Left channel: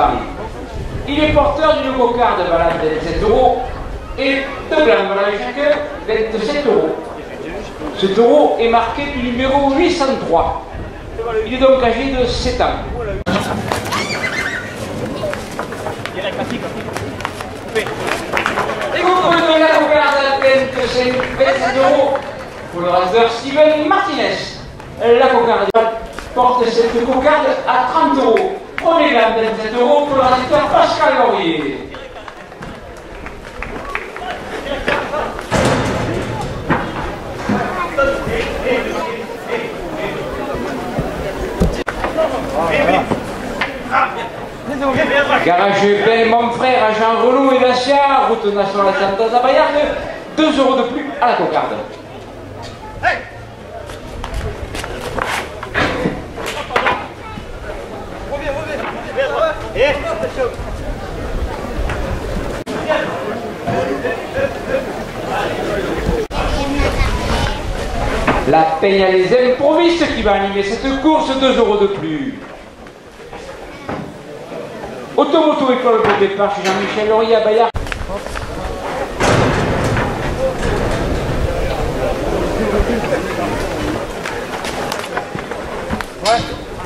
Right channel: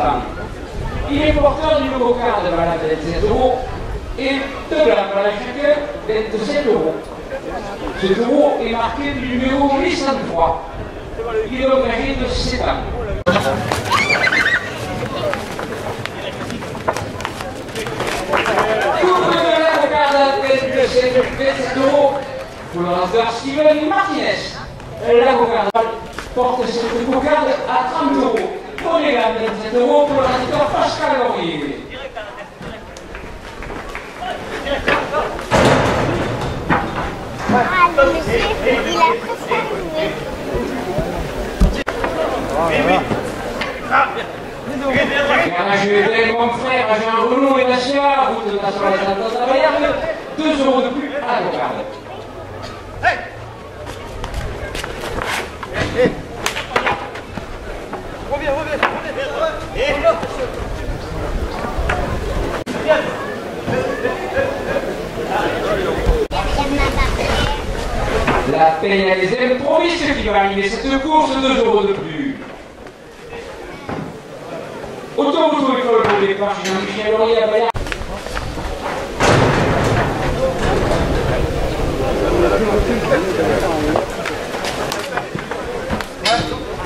Satan. Il est porteur du nouveau quart de valeur de 27 € et de grammes de valeur chacun de 7 €. Ce taureau est marqué du numéro 803. Il est donc âgé de 7 ans. Et vous pouvez donner la cocarde de 27 € pour le raseur Steven Martinez. La cocarde porte cette cocarde à 30 €. Prenez la 27 € pour le raseur Pascal Laurier. Garage Ben, mon frère, Jean Renaud et Nassia, route nationale de Zabayarde, 2 € de plus à la cocarde. Hey! Reviens. La Peña des Improvistes qui va animer cette course, 2 € de plus. Automoto école pour départ chez Jean-Michel Laurier à Bayard.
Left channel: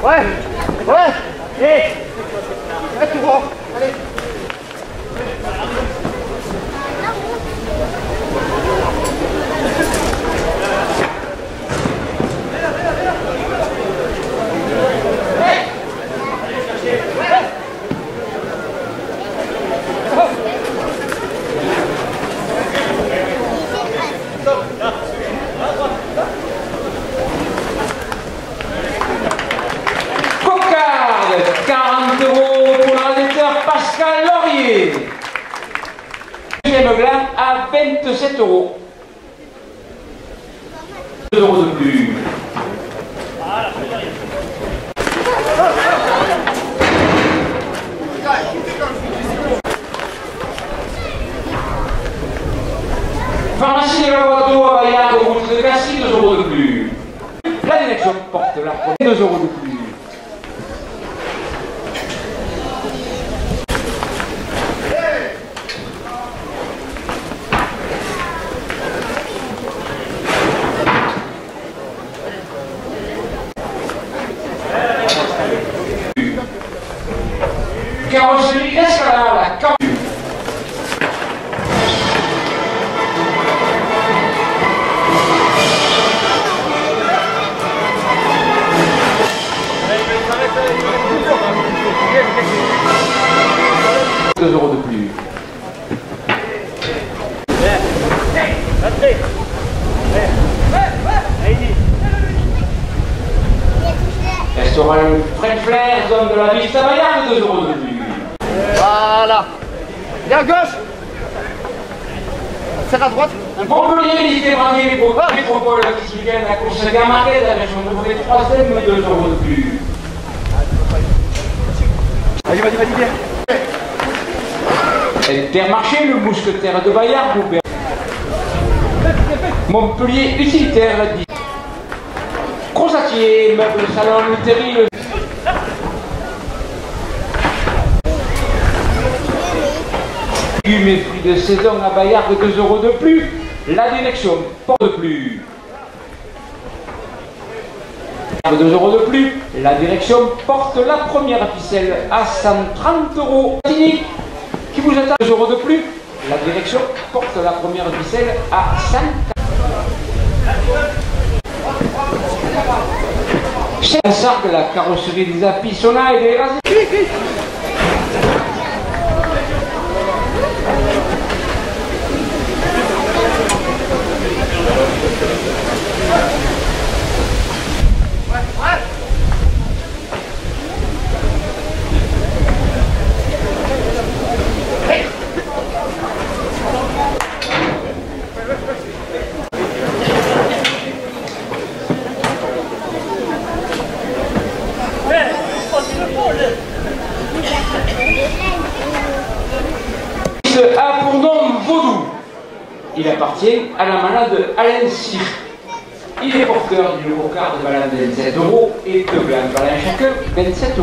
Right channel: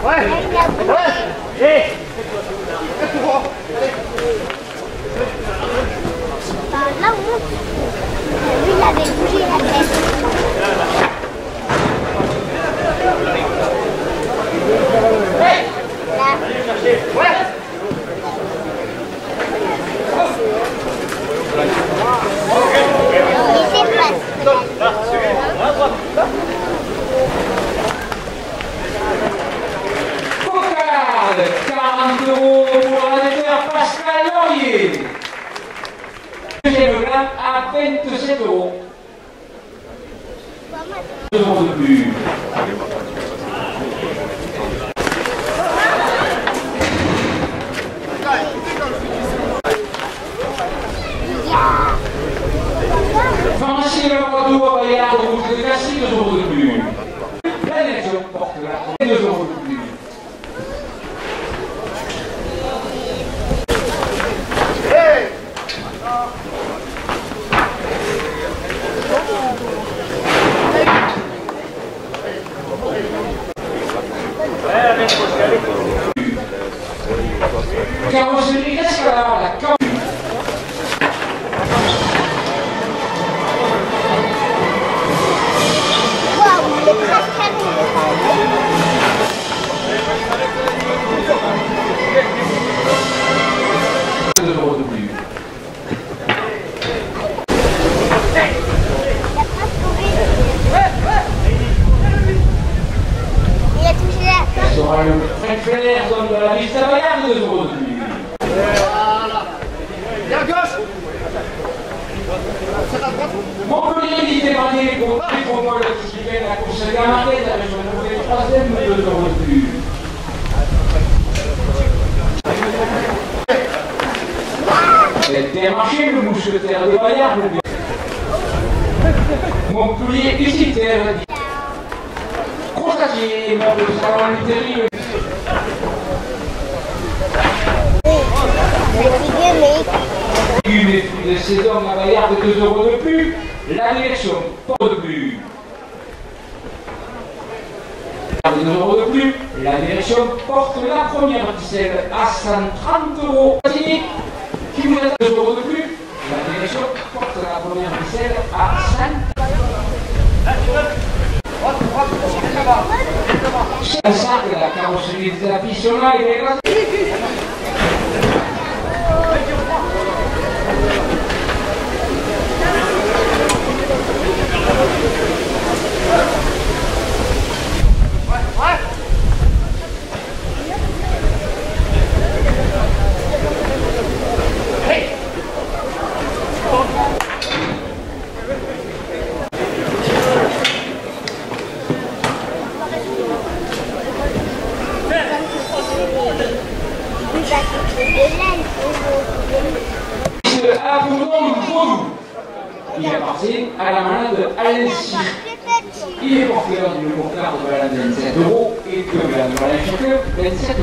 Ouais. Tout droit. Allez. Cocarde, 40 € pour l'ordinateur Pascal Laurier. Deuxième glande à 27 €. 2 € de plus. Pharmacie de la Bordeaux à Bayard, route de Cassis, 2 € de plus. La direction porte la 2 € de plus. Carrosserie Escalade, la Caen. €2 de plus. Elle sera le French Flair, zone de la Vista Bayard, 2 € de plus. Voilà. Et à gauche. C'est à droite. Montpellier, il fait partie des métropoles qui viennent à course à Gamarquet, la région de 3e, 2 € de plus. Vas-y. Intermarché, le mousquetaire de Bayard, Montpellier, utilitaire, Crozatier, meuble de salon, Lutherie, légumes et fruits de saison à Bayard, 2 € de plus. La direction porte de plus. 2 € de plus. La direction porte la première ficelle à 130 €. Qui vous attend 2 € de plus. La direction porte la première ficelle à 100. C'est un sac, la carrosserie des Apissona et des Gaz. A pour nom Vaudou. Il appartient à la malade Alain Cyr. Il est porteur du nouveau quart de malade de 27 € et de la chacun 27 €.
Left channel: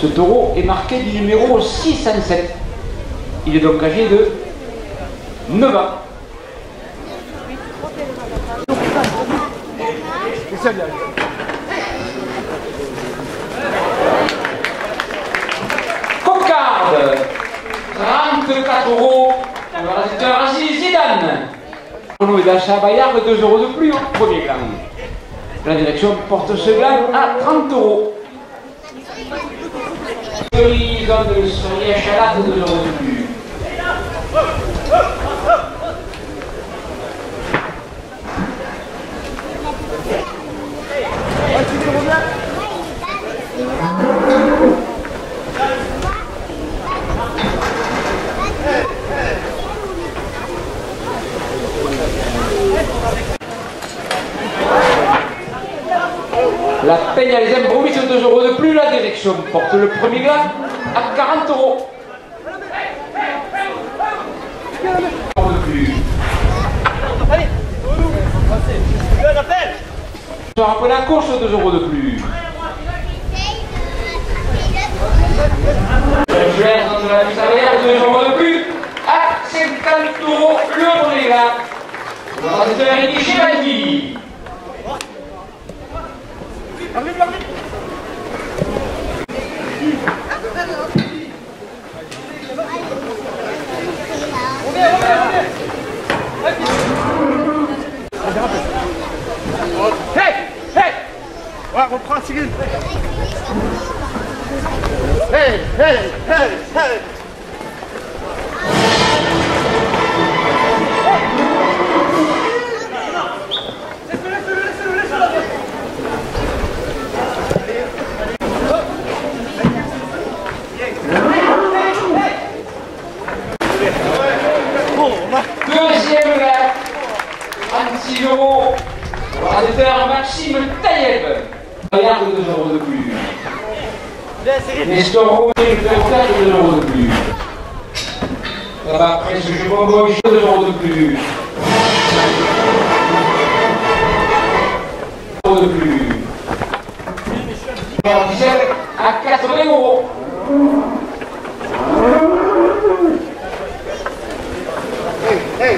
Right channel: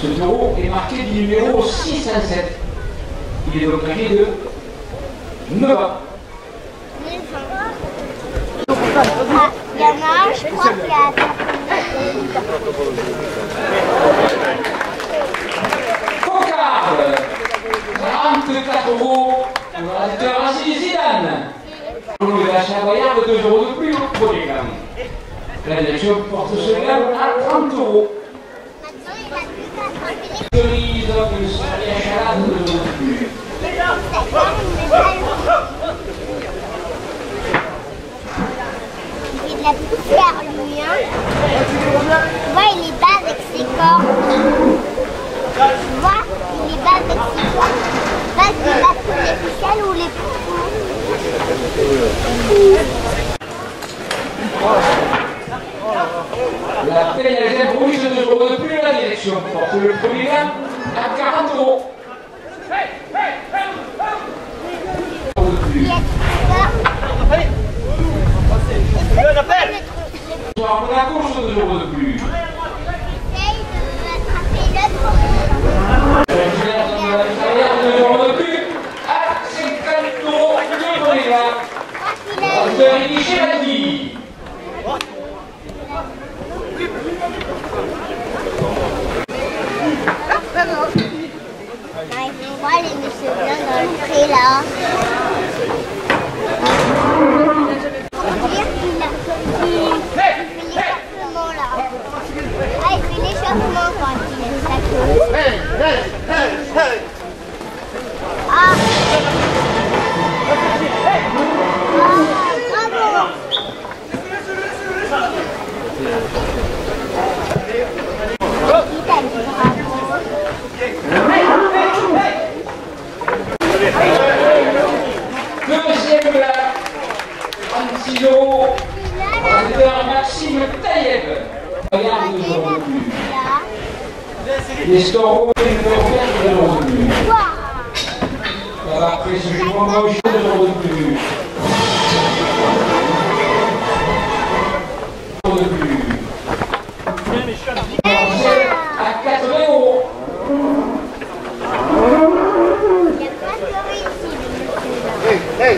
Ce taureau est marqué du numéro 607. Il est donc âgé de 9 ans. Cocarde, 34 euros, le Racing Zidane. On est d'achat Bayard de 2 euros de plus au premier clan. La direction porte ce gland à 30 euros. Cerise de cerise à 2 euros de plus. La paye à les improvises 2 euros de plus, la direction porte le premier gland à 40 euros. Je rappelle la course 2 euros de plus. Je vais dans la salaire 2 euros de plus à 50 euros le premier gland. Le Rémi Chevalier. Hey, hey, hey, hey. Deuxième gars, 36 euros, producteur Maxime Taïeb. Regarde 2 euros de plus. Les stores de 2 euros de plus. Là-bas, après ce jupon gauche, 2 euros de plus. 2 euros de plus. À 80 euros. Hey, hey.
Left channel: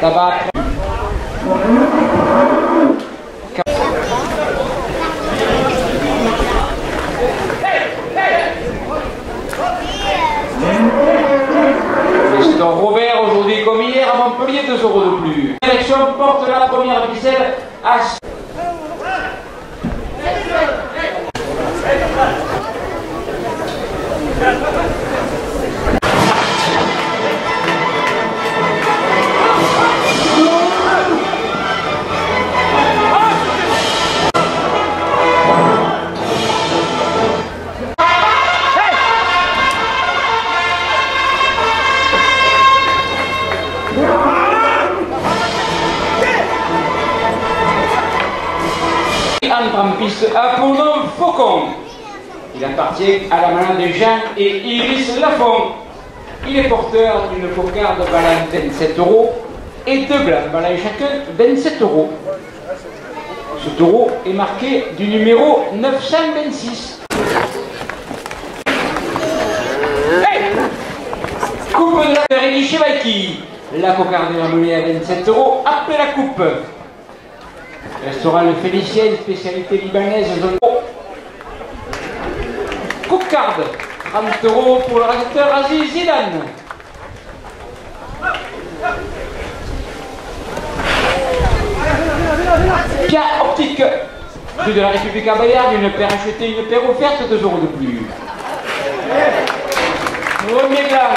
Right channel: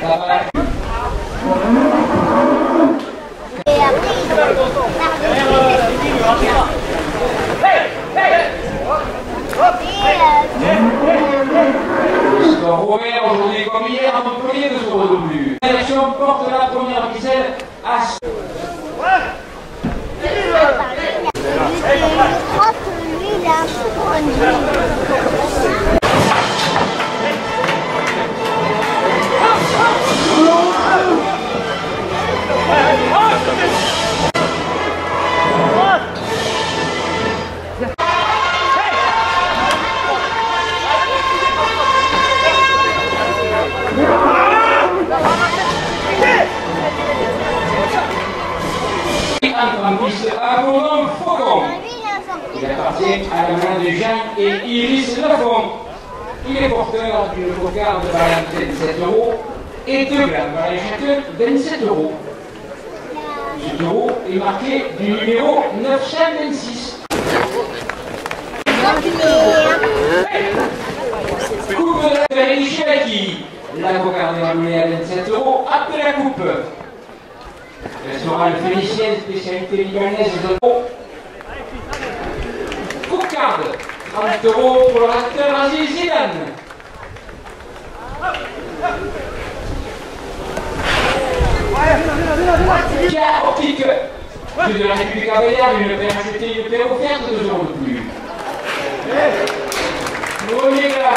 Tabac. Le store Robert aujourd'hui comme hier à Montpellier 2 euros de plus. La direction porte la première ficelle à... En piste Apollon Faucon. Il appartient à la main de Jean et Iris Lafont. Il est porteur d'une cocarde valeur 27 euros et 2 glands valeur chacun 27 euros. Ce taureau est marqué du numéro 926. Coupe de Rémi Chevalier. La cocarde est enroulée à 27 euros après la coupe. Restaurant Le Félicien, spécialité libanaise de cocarde, 30 euros pour le restaurateur Racing Zidane. Pierre Optique, prix de la République à Bayard, une paire achetée, une paire offerte, 2 euros de plus. Premier gars,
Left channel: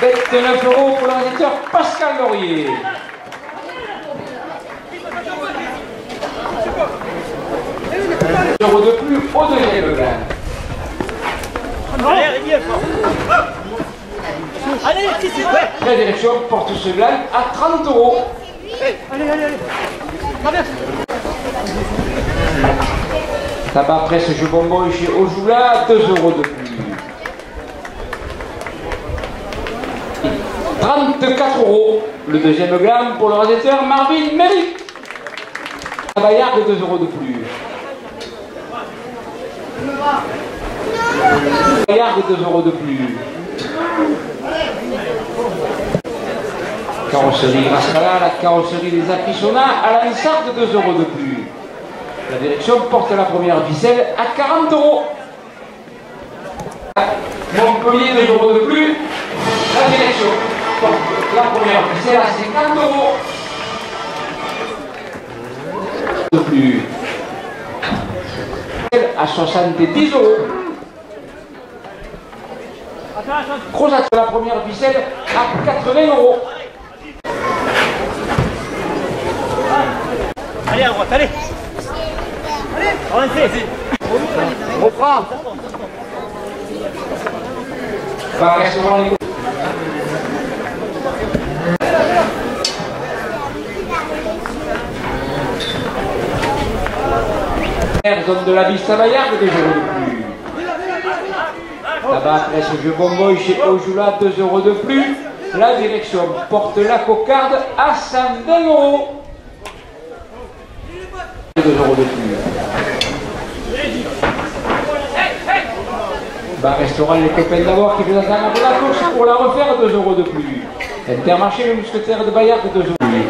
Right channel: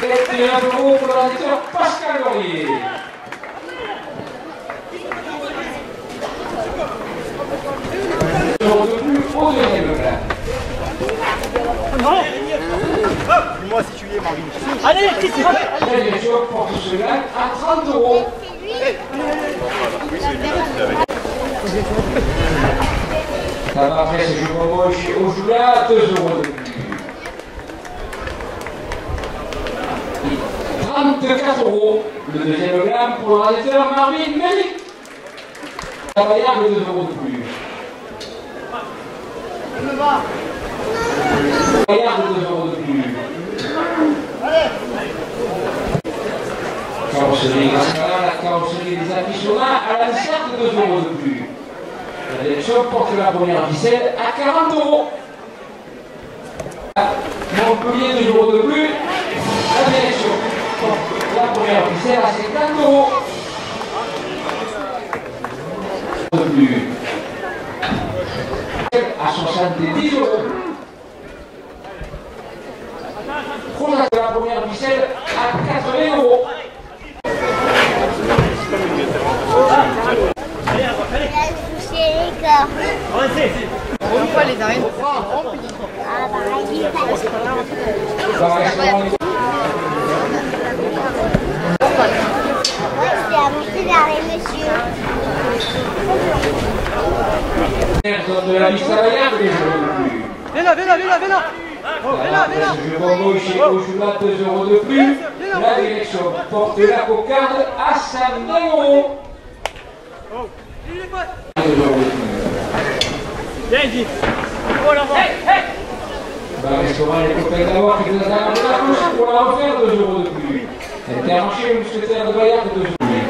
bête de 9 euros pour le restaurateur Pascal Laurier. 2 euros de plus au deuxième gars. Allez, Christy, La direction porte ce gland à 30 euros. Tabac presse jeu bonbon chez Ojula, 2 € de plus. 34 €. Le deuxième gamme pour le réalisateur Marvin Méric. Bayard de 2 € de plus. Bayard de 2 € de plus. Carrosserie Rascala, la carrosserie des Apissona à l'Ansart de 2 € de plus. La direction porte la première ficelle à 40 €. Montpellier 2 € de plus. La direction porte la première ficelle à 50 €. De plus. À 70 €. Crozat la première ficelle à 80 €. Allez. On prend. Zone de la Vista Bayard, 2 € de plus. Tabac presse jeu bonbon chez Ojula, 2 € de plus. La direction porte la cocarde à 120 €. 2 € de plus. Bar restaurant les copains d'abord qui vous attendent à la course pour la refaire, 2 € de plus. Intermarché le mousquetaire de Bayard, 2 € de plus.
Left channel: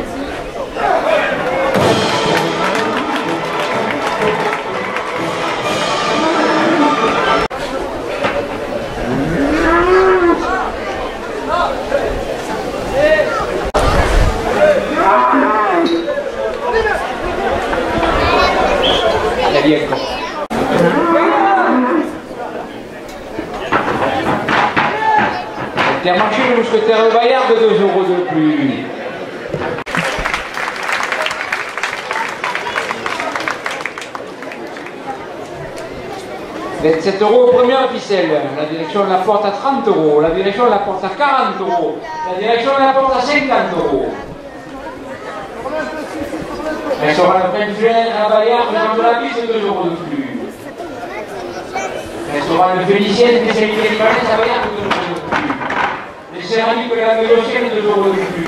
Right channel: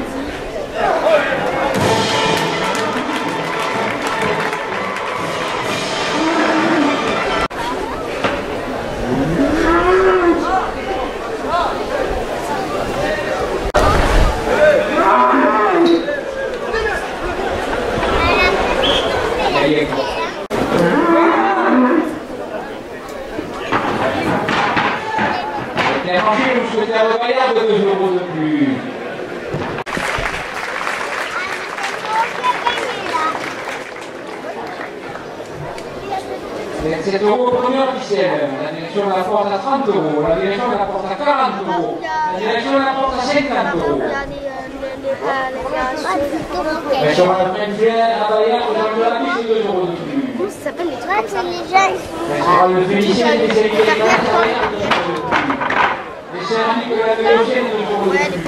Intermarché le mousquetaire de Bayard, 2 € de plus. « 27 € première ficelle. La direction la porte à 30 €. La direction la porte à 40 €. La direction la porte à 50 €. Mais sur la fin du juin à Bayard, le de la piste, 2 € de plus. Mais sur le Félicien, spécialité des Bayard, à Bayard, 2 € de plus. Les céramiques de la Vélocienne, 2 € de plus.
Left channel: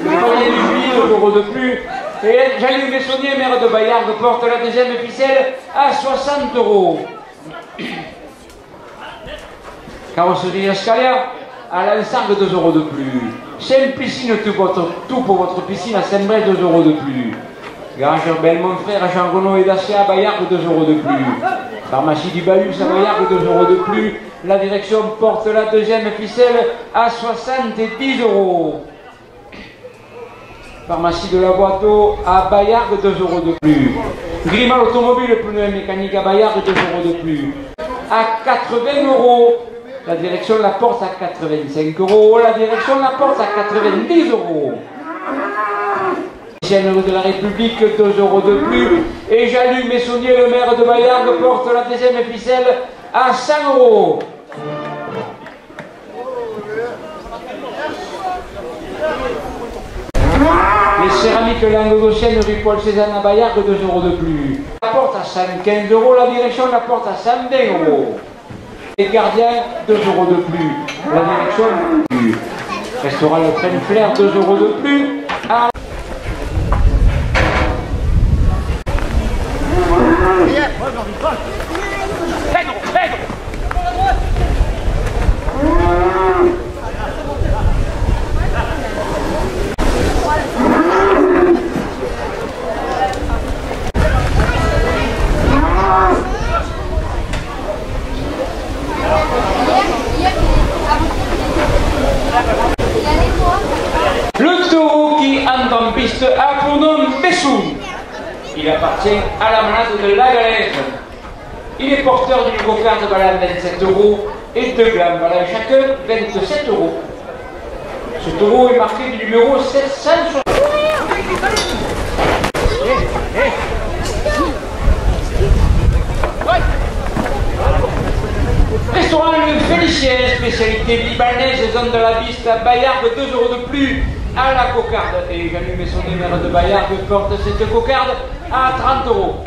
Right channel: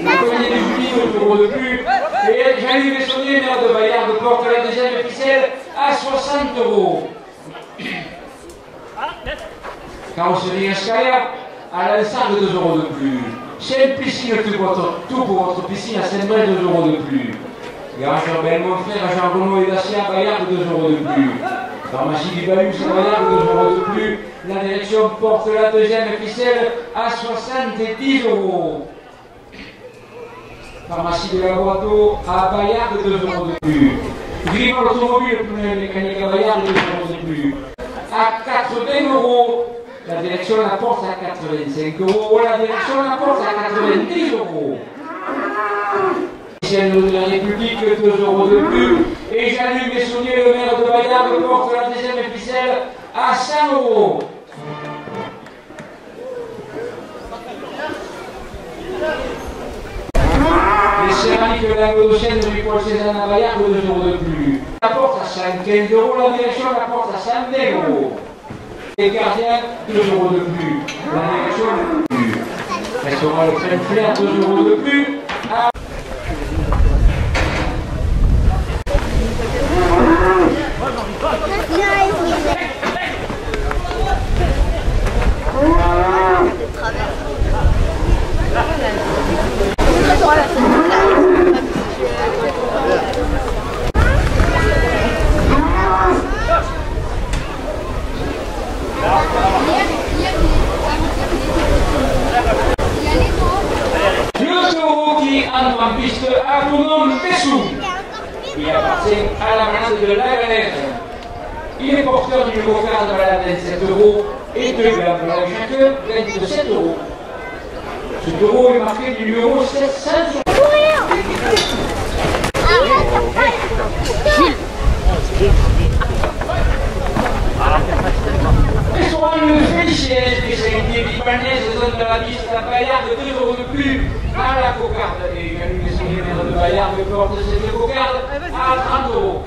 Le collier du Julie, 2 € de plus. Et Jean-Louis Bessonnier, maire de Bayard, porte la deuxième ficelle à 60 €. Carrosserie Escaya à l'ensemble, 2 € de plus. Sainte-Piscine, tout pour votre piscine à Saint-Brel, 2 € de plus. Garageur Belmont-Frère à Jean Renaud et Dacia à Bayard, 2 € de plus. Pharmacie du Balus à Bayard, 2 € de plus. La direction porte la deuxième ficelle à 70 €. Pharmacie de la Boiteau à Bayard, 2 € de plus. Grimal Automobile, pneu mécanique à Bayard, 2 € de plus. À 80 €. La direction la porte à 85 €. La direction la porte à 90 €. Rue de la République, 2 € de plus. Et Jean-Luc Messonnier, le maire de Bayard, porte la deuxième ficelle à 100 €. Les céramiques Languedociennes, rue Paul Cézanne à Bayard, 2 € de plus. La porte à 115 €. La direction la porte à 120 €. Les gardiens, 2 € de plus. La direction, plus. Restaurant Le Train Flair, 2 € de plus. À... Le taureau qui entre en piste a pour nom Bessou. Il appartient à la masse de la galette. Il est porteur du cocarde de la 27 € et 2 grammes à chacun, 27 €. Ce taureau est marqué du numéro 700. Restaurant Le Félicien, spécialité libanaise, zone de la Vista Bayard, 2 € de plus à la cocarde. Et Jean-Luc Messonnier, cocarde à 30 €.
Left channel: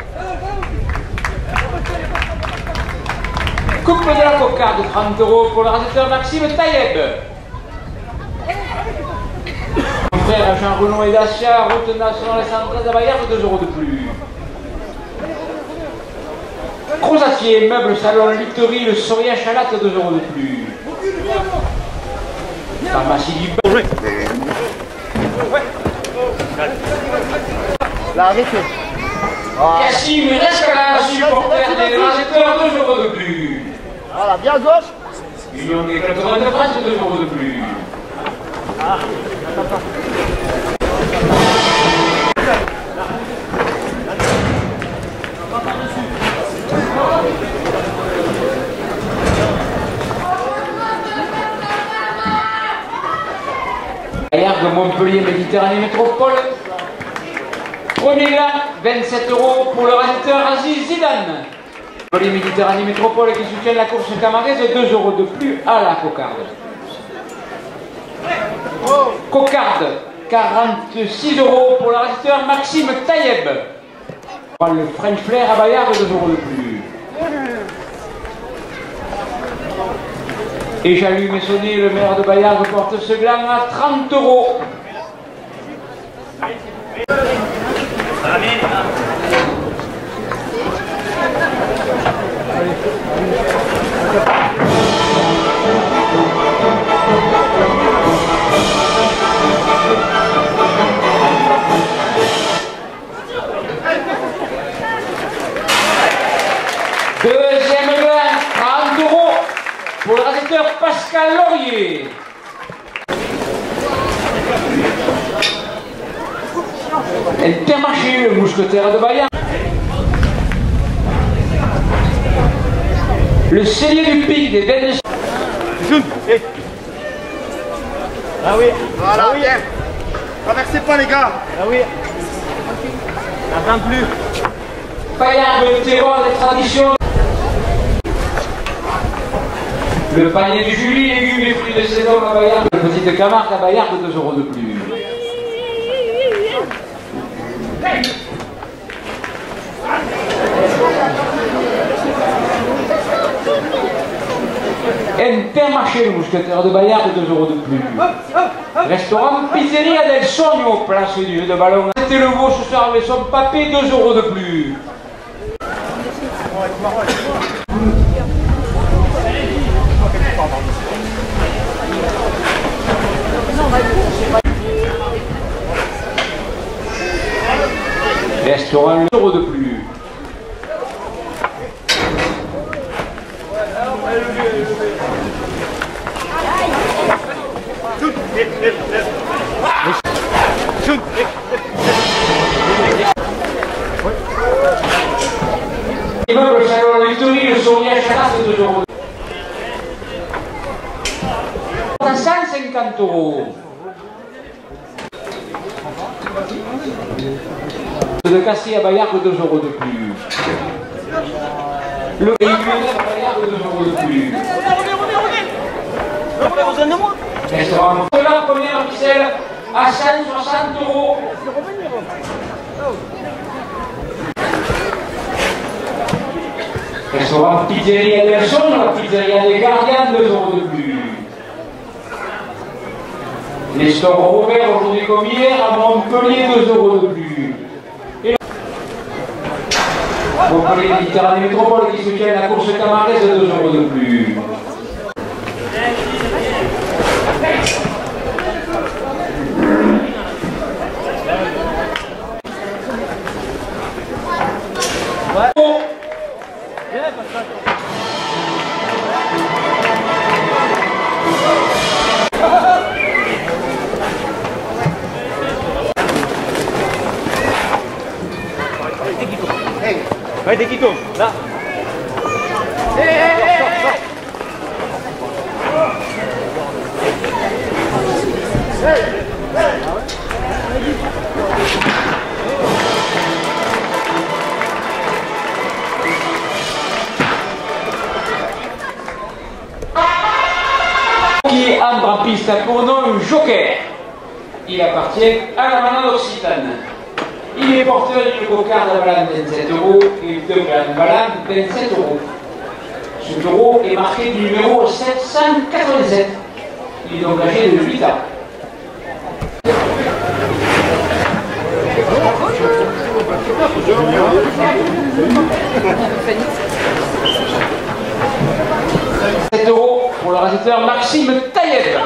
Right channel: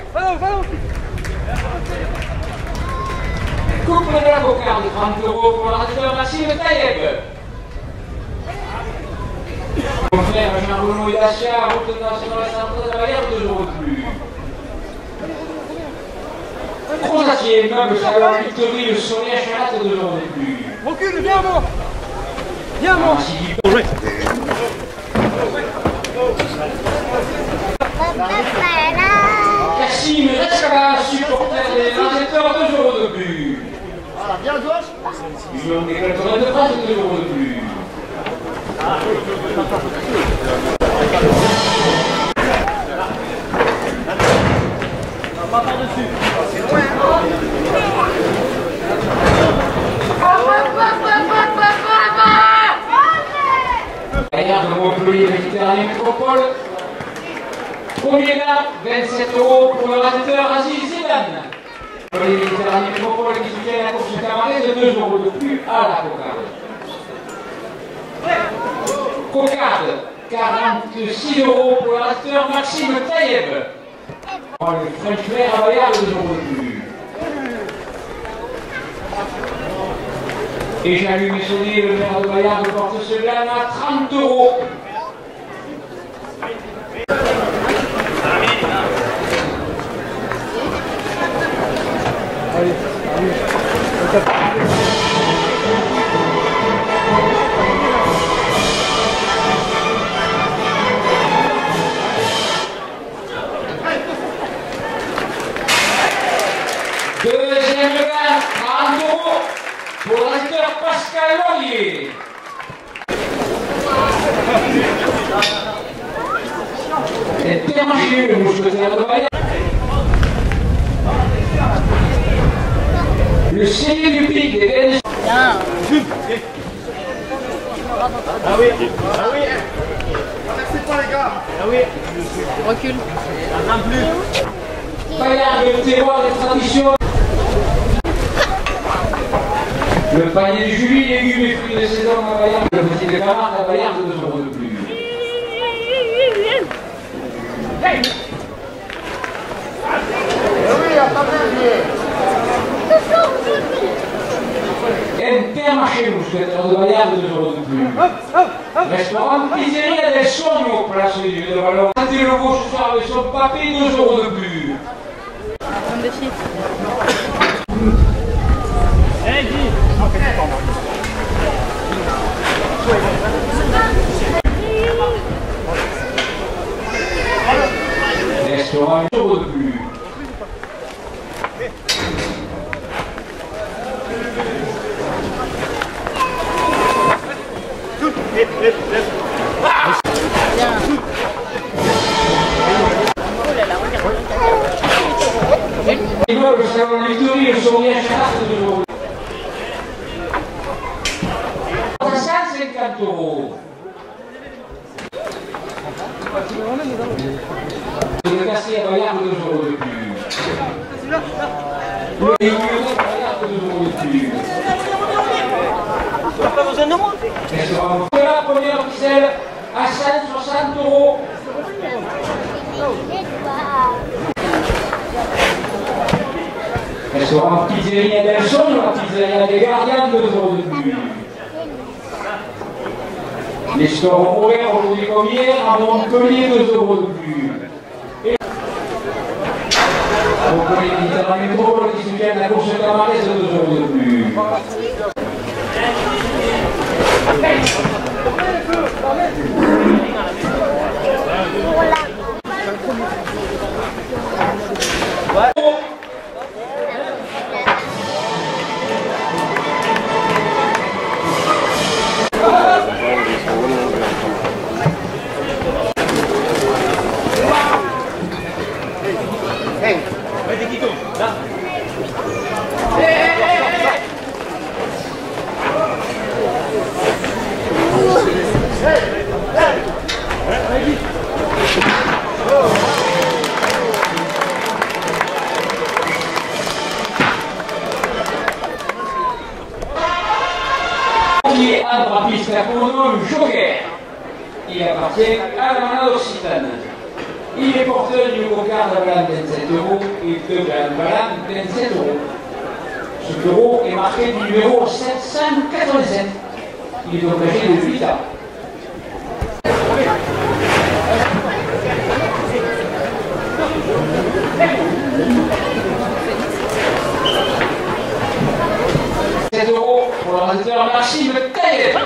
Coupe de la cocarde, 30 € pour le réalisateur Maxime Taïeb. Mon frère Jean-Renaud et Dacia, route nationale centrale à Bayard, 2 € de plus. Crozatier, meuble, salon, Victory, le Soria, Chalat, 2 € de plus. Pharmacie du Bain. Cassim, Rescala, supporter des réalisateurs, 2 € de plus. Voilà, bien à gauche. Union des 80 de France, 2 € de plus. Ah, pas par-dessus. Bayard de Montpellier, Méditerranée Métropole. Premier là, 27 € pour le réalisateur Aziz Zidane. Montpellier, Méditerranée Métropole qui soutient la course camaraise, 2 € de plus à la cocarde. Cocarde, 46 € pour le réalisateur Maxime Taïeb. Le French Flair à Bayard, 2 € de plus. Et Jean-Louis Messonnier, le maire de Bayard, porte ce gland à 30 €. Deuxième gland, 30 € pour le réalisateur Pascal Laurier. Intermarché, le mousquetaire de Bayard. Le cellier du pic des Belges. Ah oui, ah oui. Traversez pas les gars. Ah oui. Recule. N'attends plus. Bayard, le terroir des traditions. Le panier du Julie, légumes et fruits de saison à Bayard. Le petit de Camargue à Bayard, 2 € de plus. Intermarché, le mousquetaire de Bayard, 2 € de plus. Restaurant Pizzeria del Sogno, place du jeu de ballon. C'était le veau ce soir avec son papé, 2 € de plus. Restaurant, 1 € de plus. Immeuble salon Victory, le Soria, Chalat, 2 €. 150 €. Le Cassis à Bayard, 2 € de plus. Le véhicule à Bayard, 2 € de plus. Tu n'as pas besoin de moi. Restaurant la première ficelle à 160 €. Restaurant Pizzeria del Sogno, la pizzeria des Gardiens, 2 € de plus. Les stores ouverts aujourd'hui comme hier à Montpellier, 2 € de plus. Et Montpellier, Méditerranée Métropole qui soutient la course camaraise, 2 € de plus. Ouais, des Quito, là. Qui entre en piste pour nous, Joker. Il appartient à la manade occitane. Il est porteur d'une cocarde blanche 27 € et deux glandes blanches 27 €. Ce taureau est marqué du numéro 787. Il est donc âgé de 8 ans. €7 pour le raseteur Maxime Taïeb.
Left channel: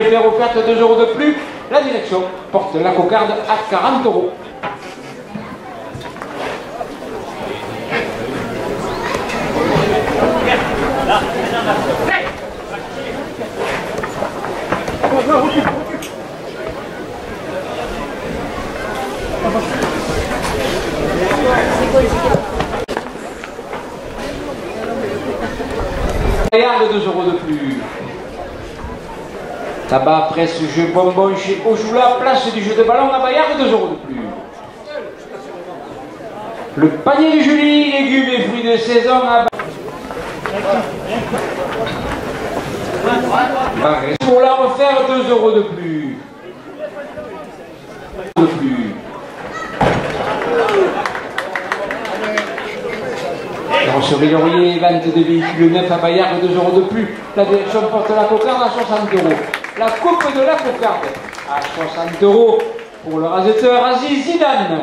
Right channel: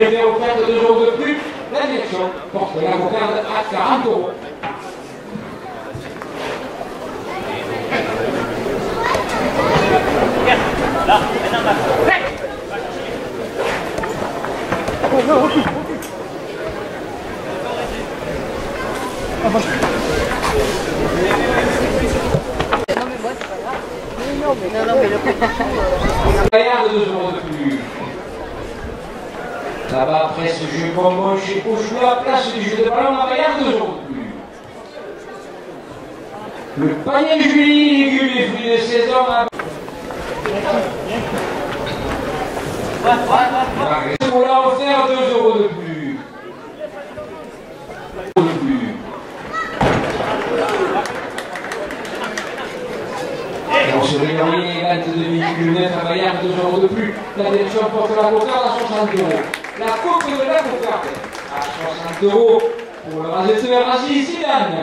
Numéro 4, 2 € de plus. La direction porte la cocarde à 40 €. Là, Bayard de 2 € de plus. Tabac, presse, jeu, bonbon, chez Pochoula, place du jeu de ballon à Bayard de 2 € de plus. Le panier de Julie, légumes et fruits de saison à pour la refaire 2 € de plus. Sur les lauriers, vente de véhicules neufs à Bayard, 2 € de plus. La direction porte la cocarde à 60 €. La coupe de la cocarde à 60 € pour le raseteur Aziz Zidane.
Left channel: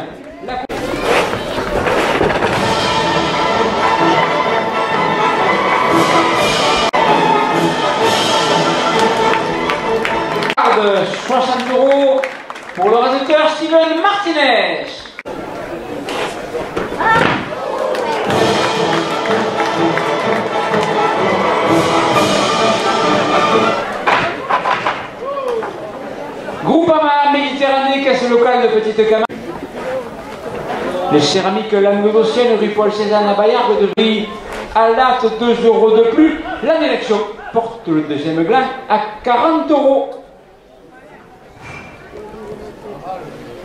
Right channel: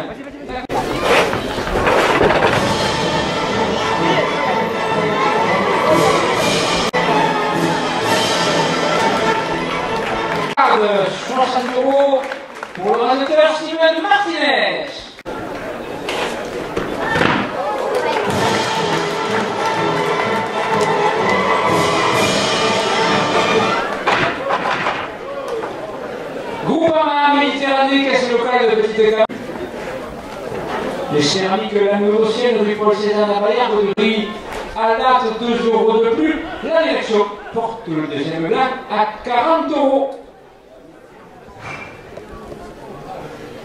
La 60 € pour le raseteur Steven Martinez. Groupama Méditerranée, caisse locale de Petite Camargue. Les céramiques languedociennes rue Paul Cézanne à Bayard de prix à latte 2 € de plus. La direction porte le deuxième gland à 40 €.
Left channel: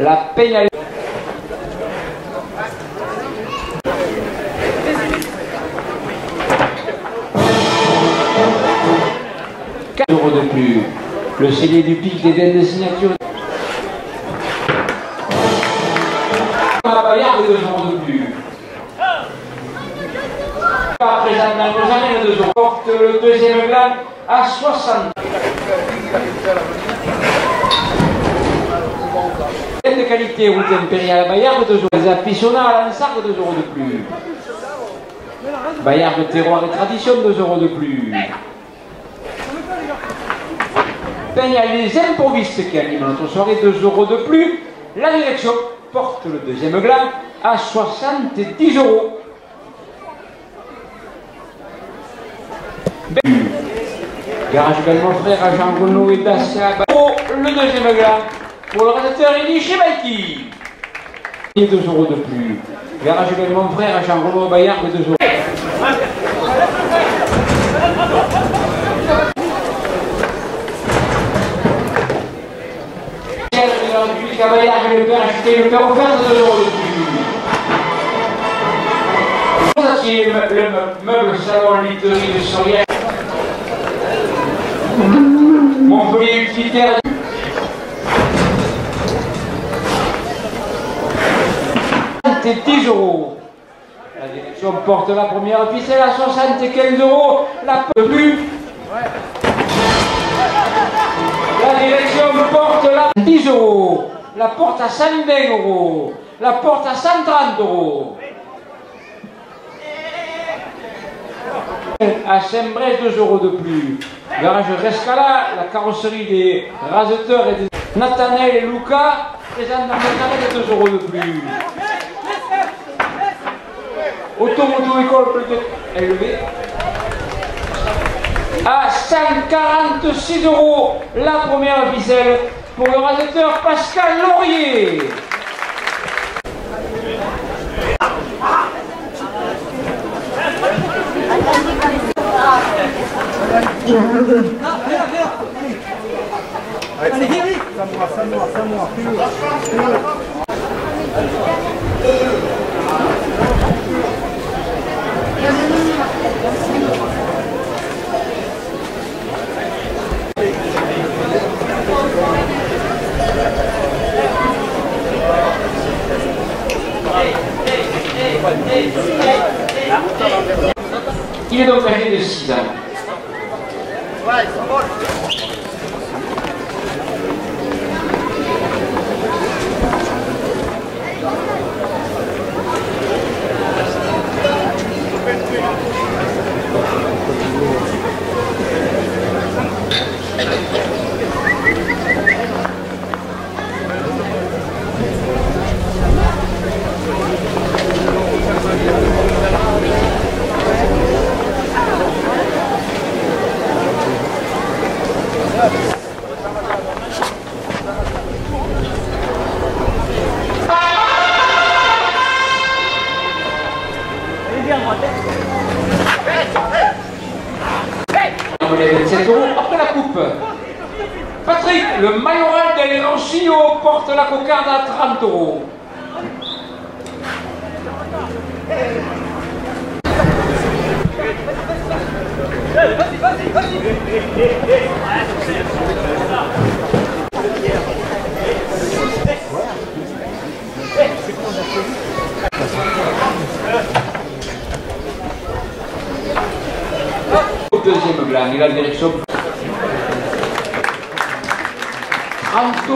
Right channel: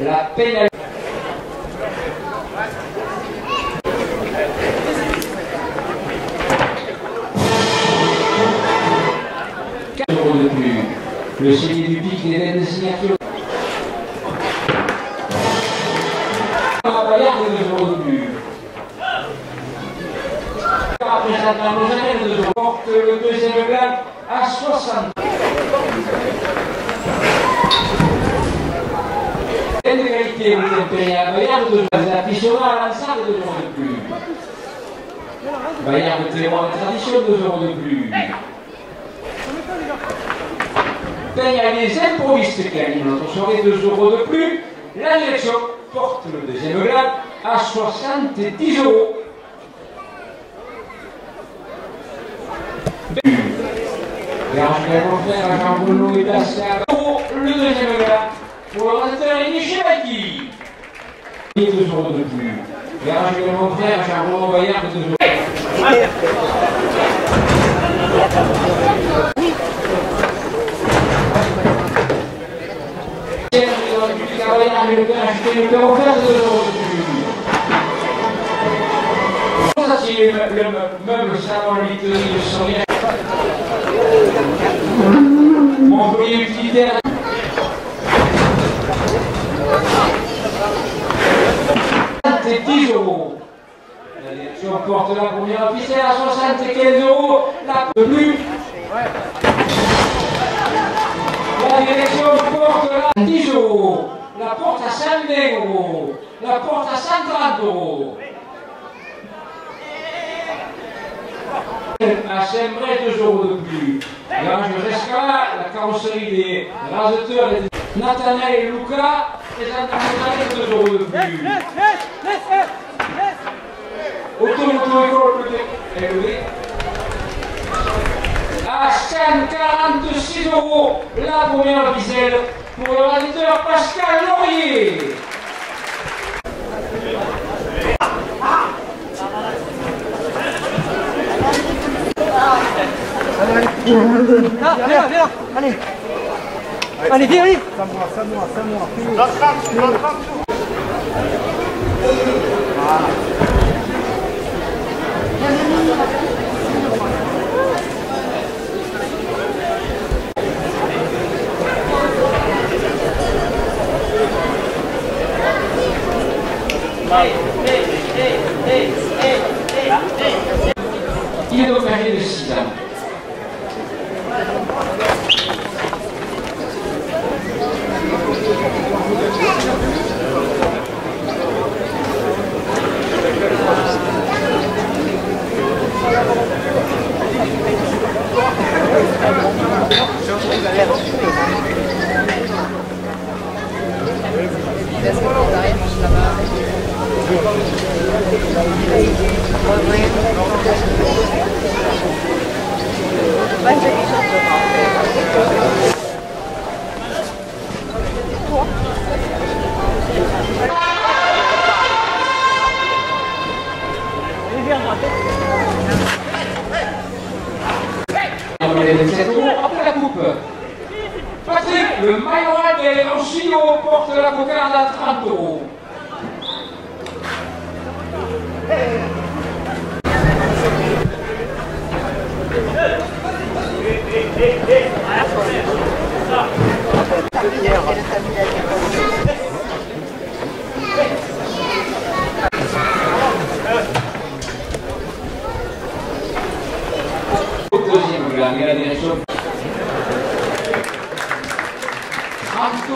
La pénalité. 4 € de plus. Le cellier du pic des dettes de signature. À Bayard, 2 € de plus. Après ça, porte le deuxième gland à 60. De qualité ou impériale à Bayard, 2 €. Les appissonnats à Lansarde, 2 € de plus. Bayard de terroir et tradition, 2 € de plus. Il y a les improvistes qui animent notre soirée, 2 € de plus. La direction porte le deuxième gland à 70 €. Garage également frère à Jean Renaud et Pascal. Pour le deuxième gland, pour le raseteur Elie Chebaiki. 2 € de plus. Garage également frère à Jean Renaud Bayard, 2 €. Le père acheté le père offert, 2 € de plus. Ça c'est le meuble salon literie de Sorière. Employé utilitaire. 10 €. La direction porte la première ficelle à 75 €. La plus. La direction porte la 10 €. La porte à 120 €. La porte à 130 €. À Saint-Brest, 2 € de plus. Garage Rescala, la carrosserie des raseteurs et des Nathaniel et Luca, présente dans Nathaniel, 2 € de plus. Automoto-école plus élevée. À 146 € la première ficelle pour le raseteur Pascal Laurier. Allez. Allez, viens, vite. Ça moi. Plus haut. Il est donc âgé de 6 ans. Après la coupe, Patrick, le majoral de Ranchino porte la cocarde à 30 €. Deuxième blanc, il a la direction. 30 €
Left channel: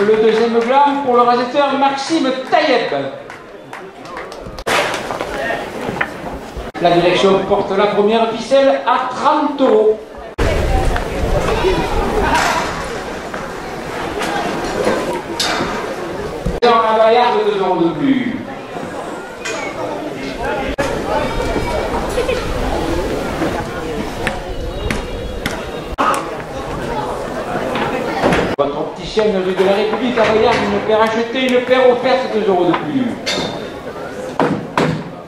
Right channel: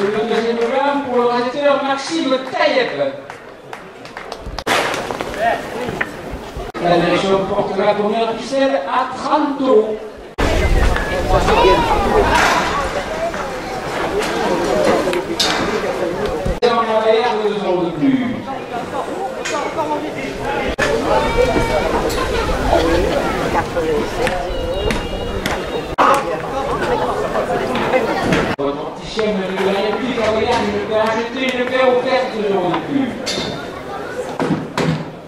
le deuxième blanc pour le réalisateur Maxime Taïeb. La direction porte la première ficelle à 30 €. Dans la Bayarde, 2 € de plus. Votre opticien de la République à Bayarde, une paire achetée, une paire offerte, 2 € de plus.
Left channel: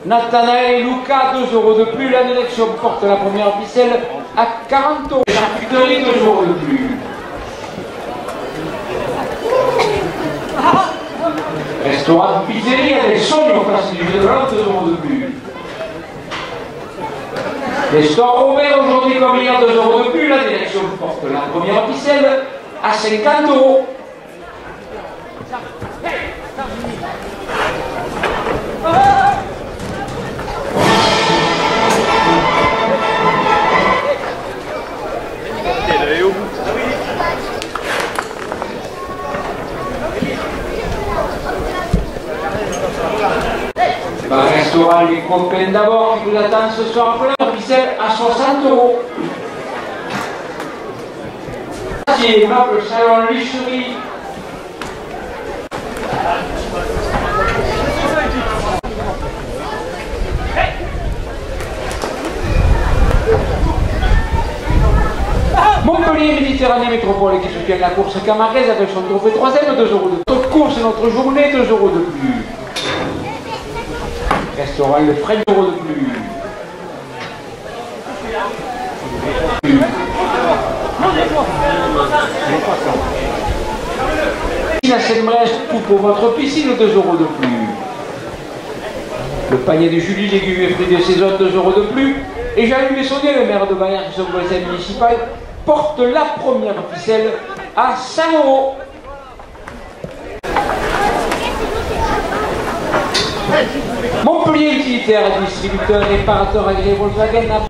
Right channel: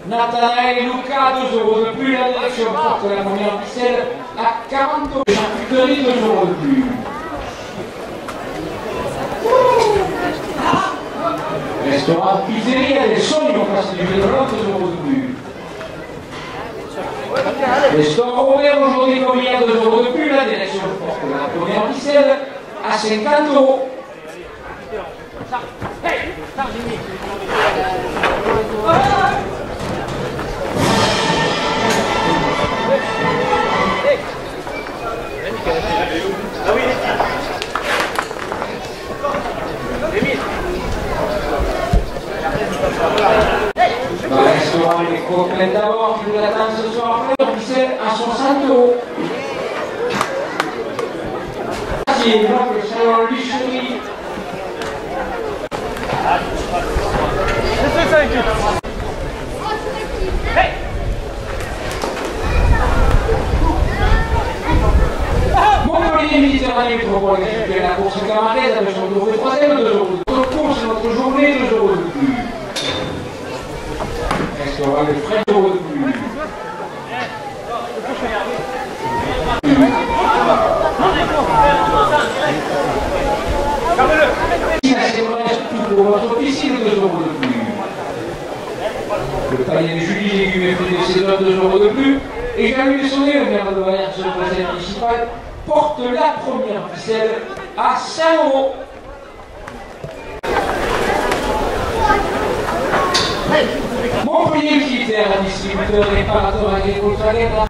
Nathanaël et Luca, 2 € de plus. La direction porte la première ficelle à 40 €. Charcuterie, 2 € de plus. Restaurant Pizzeria des Sogno, place du Général, 2 € de plus. Les stores ouverts aujourd'hui comme il y a 2 € de plus. La direction porte la première ficelle à 50 €. Un restaurant Les Copains d'abord qui vous attend ce soir plein officiel à 60 €. C'est le salon Licherie. Montpellier Méditerranée Métropole qui soutient la course camaraise avec son trophée 3e, 2 € de plus. Notre course et notre journée, 2 € de plus. Restaurant Le Frais, 2 € de plus. La Seine-Brèche, tout pour votre piscine, 2 € de plus. Le panier de Julie, légumes et fruits de saison, 2 € de plus. Et Jean-Louis Bessonnet, le maire de Bayard, son conseil municipal, porte la première ficelle à 100 €. Montpellier Utilitaire, distributeur, réparateur agréé Volkswagen.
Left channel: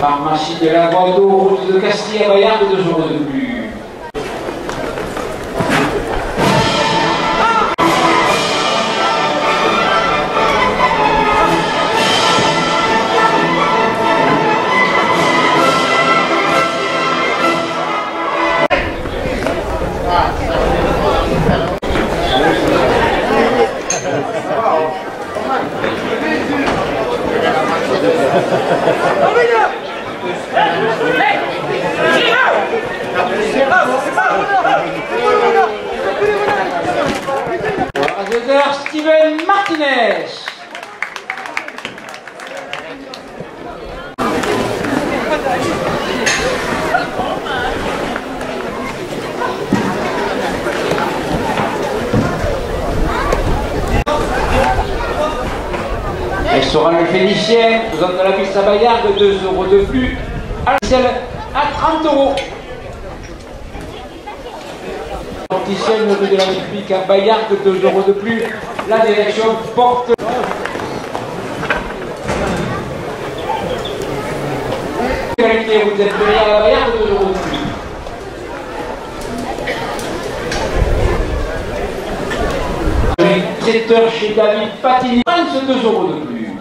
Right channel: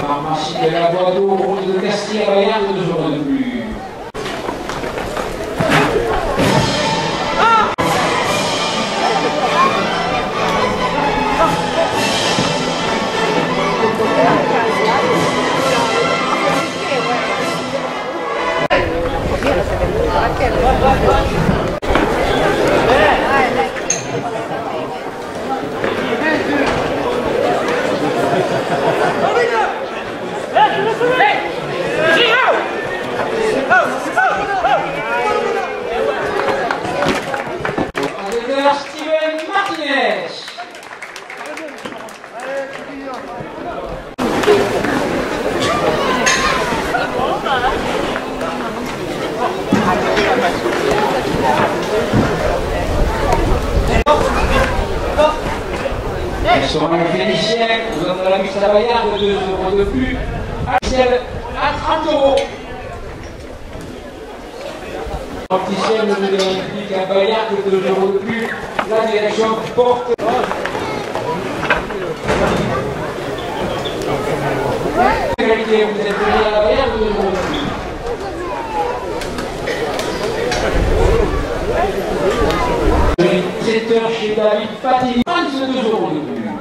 Pharmacie de la Bordeaux, route de Castille à Bayard, 2 € de plus. Steven Martinez. de plus. À 30 euros. Opticienne de la République à Bayard, 2 euros de plus. La direction porte. Vous êtes venu à la Bayard, 2 euros de plus. Chez David Patini, 22 euros de plus.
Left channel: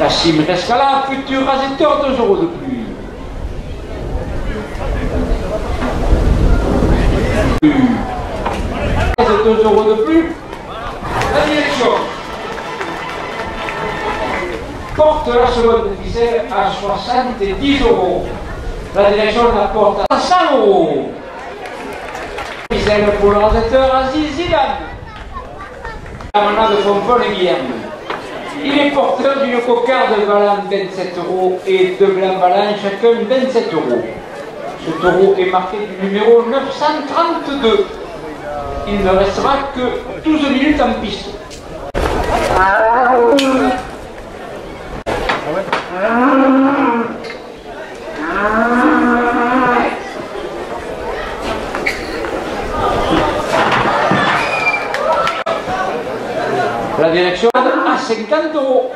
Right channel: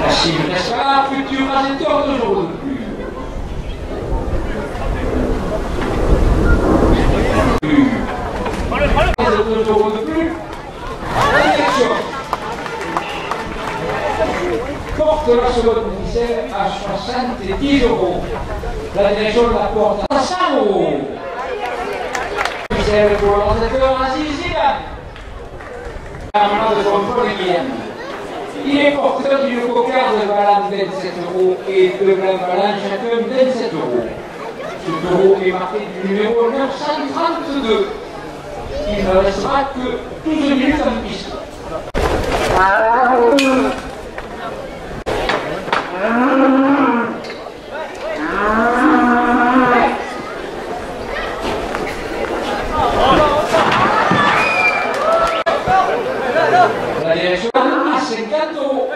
La Chine reste là, futur Rasetor, 2 euros de plus. 2 euros de plus. La direction porte la seconde officielle à 70 euros. La direction la porte à 100 euros. Pour le Rasetor, Aziz Zidane. De contrôle il est porteur d'une cocarde de ballon 27 euros et de blanc ballon chacun 27 euros. Ce taureau est marqué du numéro 932. Il ne restera que 12 minutes en piste. La direction à 50 euros.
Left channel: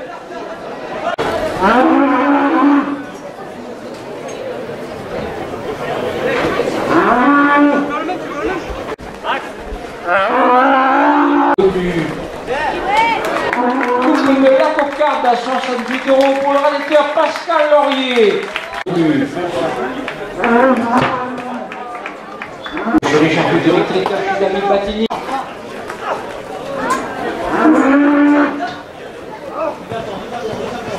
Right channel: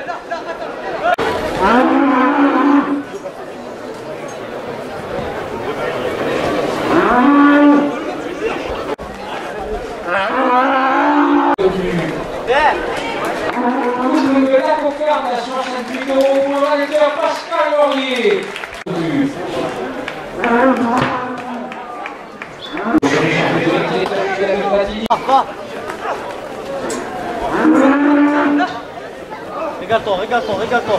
La cocarde à 68 euros pour le rédacteur Pascal Laurier. Je Richard de retraite à David Patini. Regarde-toi.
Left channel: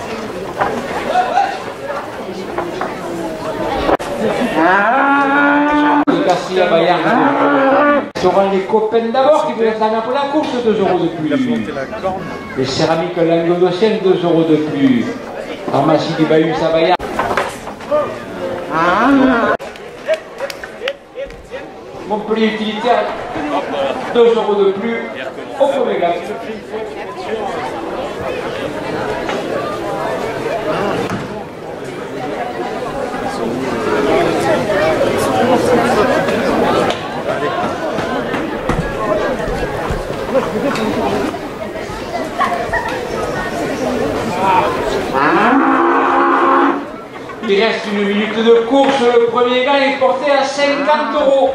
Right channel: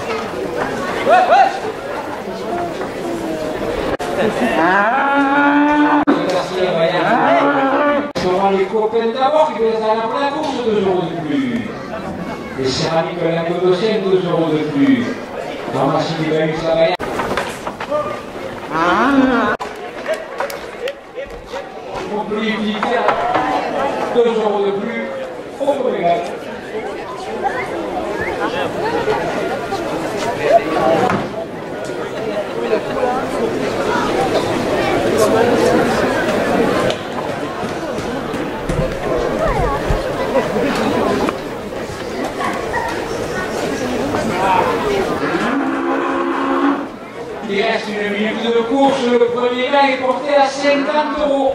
Garcia Bayard. Ce seront les copains d'abord qui veulent être pour la course, 2 euros de plus. Les céramiques languedociennes, 2 euros de plus. Pharmacie du Bayou Savaillard. Montpellier utilitaire, 2 euros de plus. Au Comégal. Il reste une minute de course, le premier gars est porté à 50 euros.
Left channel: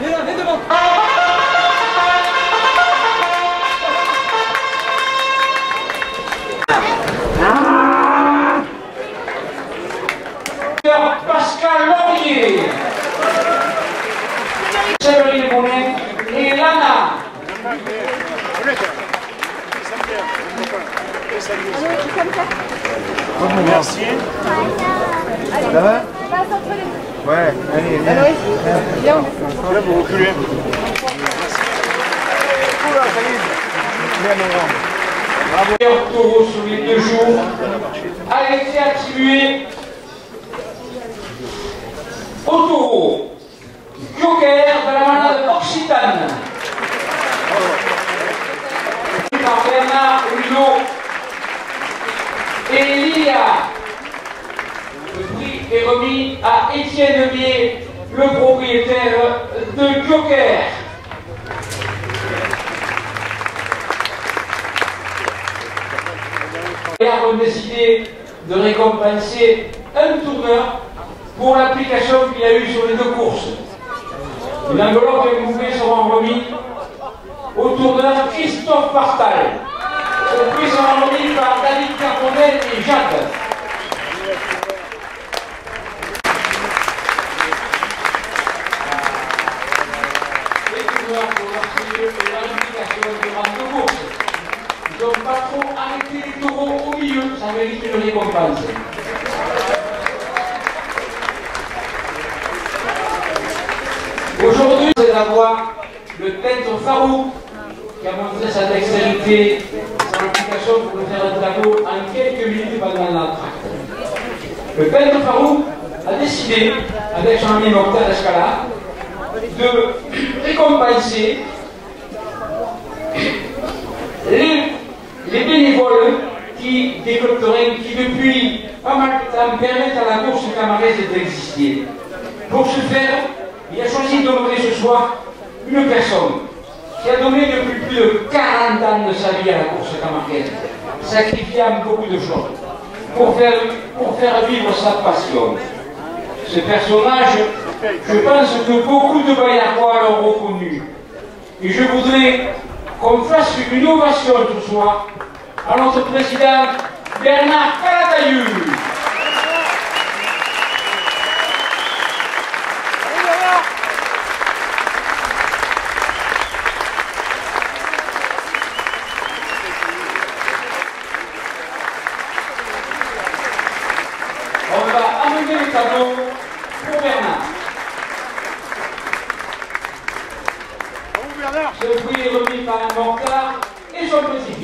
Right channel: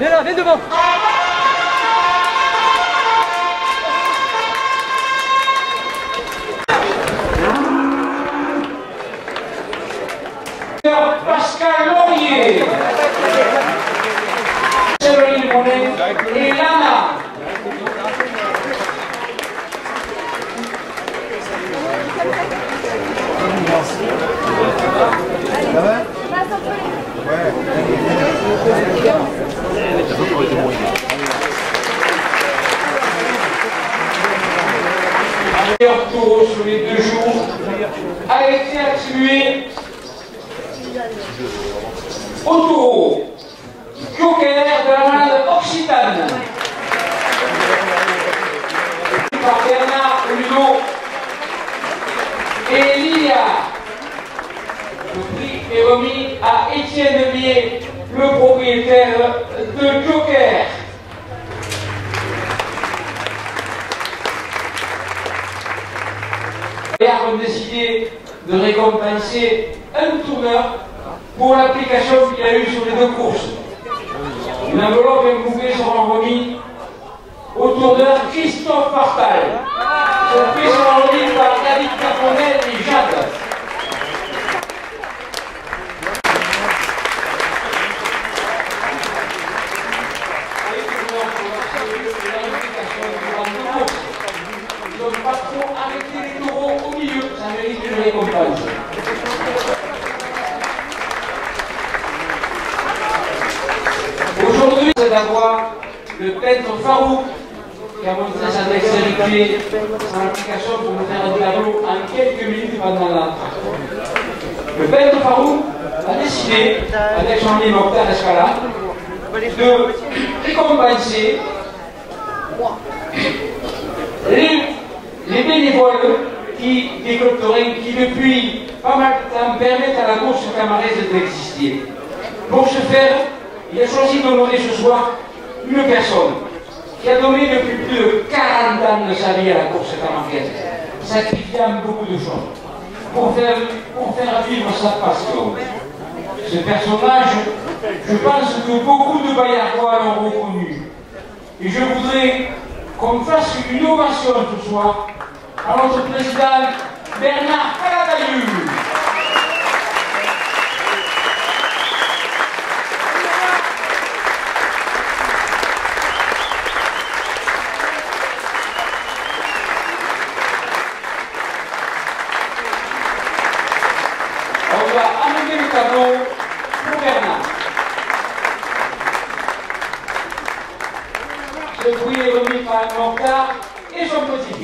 Viens devant. Pascal Laurier, Séverine Bonnet et Lana. Ça va? Ouais, Meilleur taureau sur les 2 jours a été attribué au taureau Joker de la manade Occitane par Bernard Hulot et Lilia. Le prix est remis à Étienne Bier, le propriétaire de Joker. Les ont décidé de récompenser un tourneur pour l'application qu'il a eue sur les 2 courses. Une enveloppe et un bouquet seront remis au tourneur Christophe Partal. Ce prix sera remis par David Carponel et Jade. Ils n'ont pas trop arrêté les taureaux au milieu, ça mérite une récompense. Aujourd'hui, c'est d'avoir le peintre Farouk qui a montré sa dextérité, son application pour me faire un tableau en quelques minutes pendant l'entracte. Le peintre Farouk a décidé, avec Jean-Louis Mokhtar Escala, de récompenser les bénévoles qui depuis pas mal de temps permettent à la course camaraise d'exister. Pour ce faire, il a choisi d'honorer ce soir une personne qui a donné depuis plus de 40 ans de sa vie à la course camaraise, sacrifiant beaucoup de choses pour faire vivre sa passion. Ce personnage, je pense que beaucoup de Baillardois l'ont reconnu. Et je voudrais qu'on fasse une ovation ce soir à notre président Bernard Calatayud. On va amener le tableau pour Bernard. Ce prix est remis par Mokhtar et son petit.